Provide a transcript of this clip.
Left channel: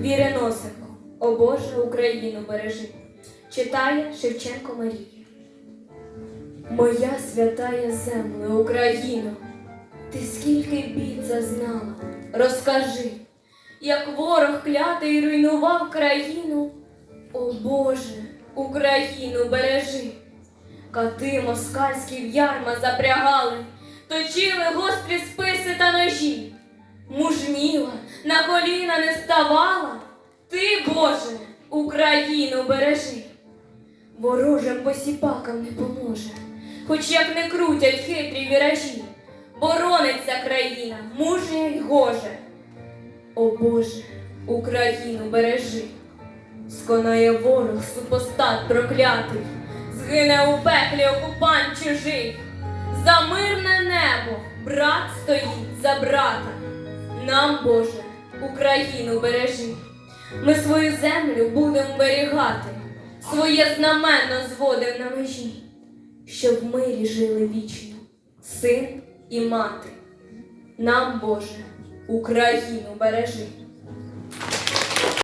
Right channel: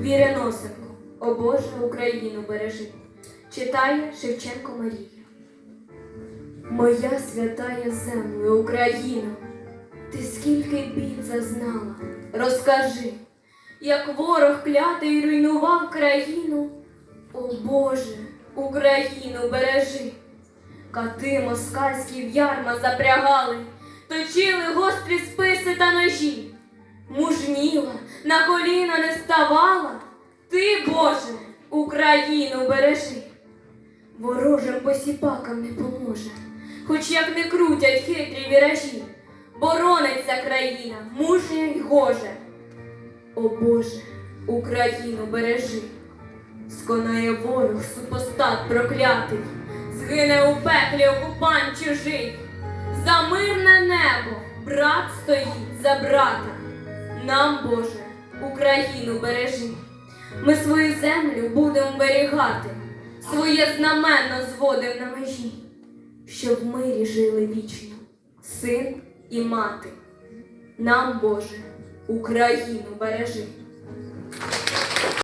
Віреносенко, о Боже, Україну бережи. Читає Шевченко Марія. Моя святая земле, Україно, ти скільки бід зазнала, розкажи, як ворог клятий руйнував країну. О Боже, Україну бережи. Кати москальські в ярма запрягали, точили гострі списи та ножі. На коліна не ставала. Ти, Боже, Україну бережи. Ворожим посіпакам не поможе, хоч як не крутять хитрі віражі, борониться країна, мужня й гоже. О Боже, Україну бережи, сконає ворог супостат проклятий, згине у пеклі окупант чужий, за мирне небо брат стоїть за брата. Нам, Боже, Україну бережи. Ми свою землю будемо берігати, своє знамено зводив на межі, щоб в мирі жили вічно, син і мати. Нам, Боже, Україну бережи.